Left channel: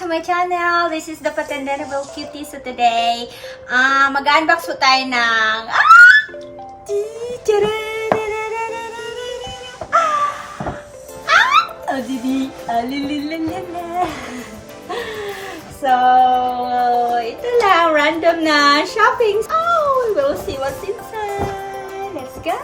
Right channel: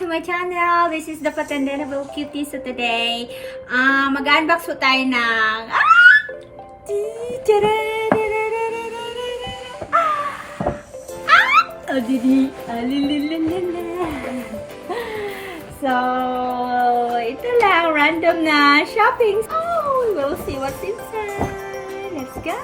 to my channel. This is the Patendable Cutie. So today, mag-unbox po tayo ng So, ito lang, random na shopping. Oh, we'll see what's inside. Let's go.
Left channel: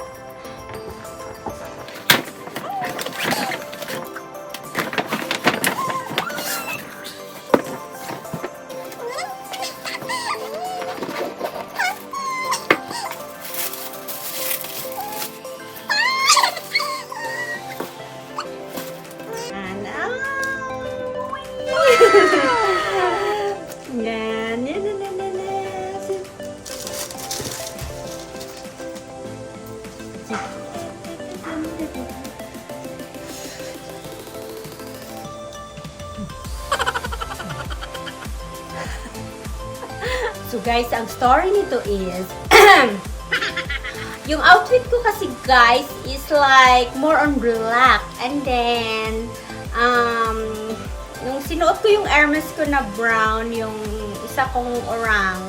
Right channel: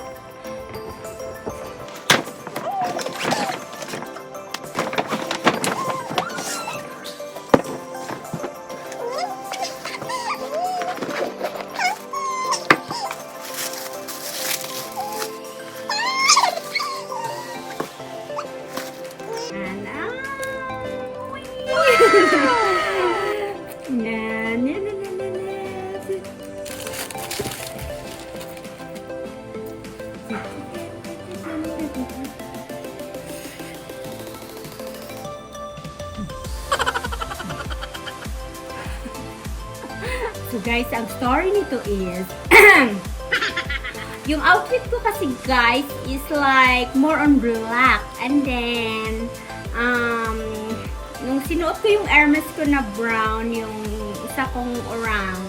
So guys, ang story nito is yung outfit ko kasi guys is like more on black, and then yung sinuot ko yung Hermes ko na brown, yung isa kong orang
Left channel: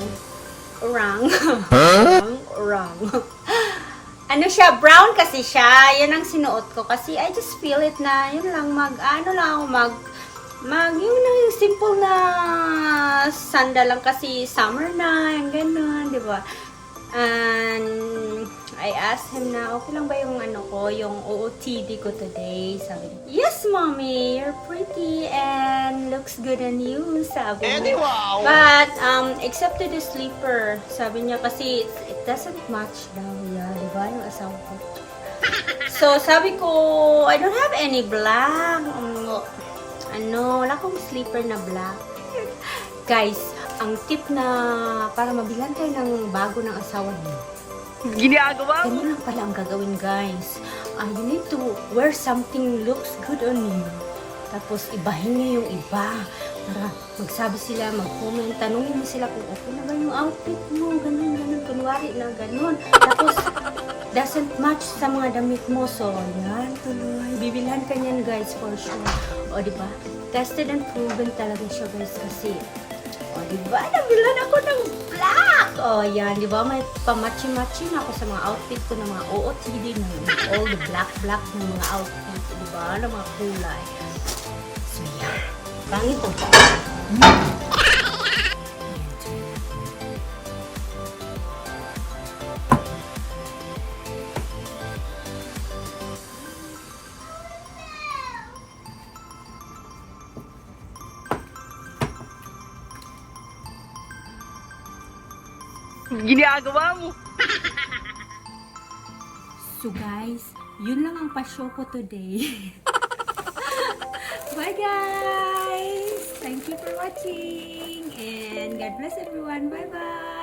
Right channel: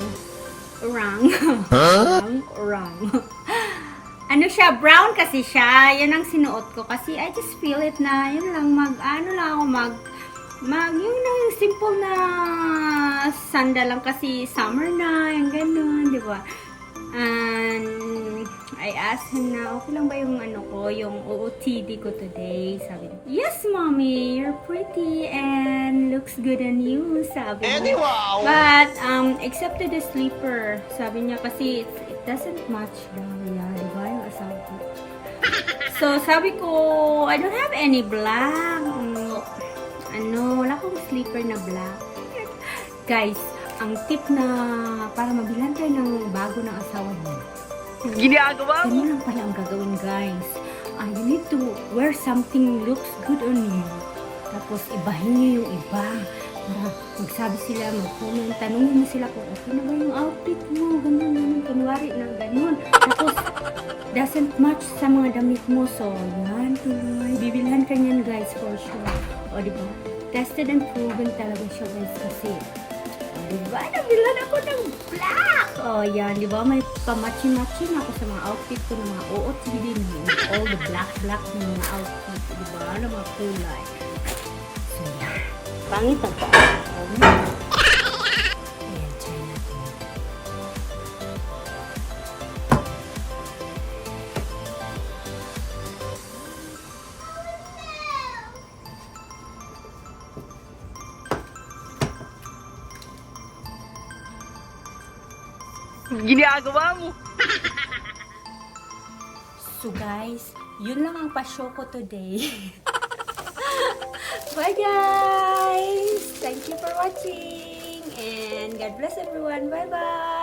ano siya, brown kasi siya, yun ang sinuot ko kasi I just feel it na yun lang yung simple na sandal lang kasi summer na, yung ganun, di ba? And I asked him na, okay lang ba yung yung OOTD ko today? Sabi niya, yes mommy, you're pretty and looks good on you, sabi niya. Wow. But, except to the sleeper, sabi niya kasi it doesn't match daw, di ba, yung asawa ko. So, sabi ko, I don't have any black. Wala akong sleeper na black. Guys, ang tip na para mabilan tayo ng bago ng asawa niyo. Ginagawa mo? Ganun lang pala ang gagawin, guys. You need to wear something looks good on you. Tapos, ibahin niyo yung iba. Para magsabi sila, mag-comment, tanungin mo sila kung okay na ba yung outfit mo. Ganun. Kunwari na ganun. Tapos, doesn't match sa mga damit mo. So, yan, tuloy. Bibilihan ka niyan, guys, for sure. O, diba? Tested and proven talaga siya, guys, kasi. O, diba? Nabilan ako ng black! O, yan, diba? May pamatching-matching ako sa mga outfit ko ng mga OOTD na all the black na mga outfit. Diba? Na mga kulay. So, yan. Pangit ang pa. Ginagawa mo? So guys, yun lang ang pa-show ko today. Bye guys! Thank you for watching and God bless everyone. Bye bye!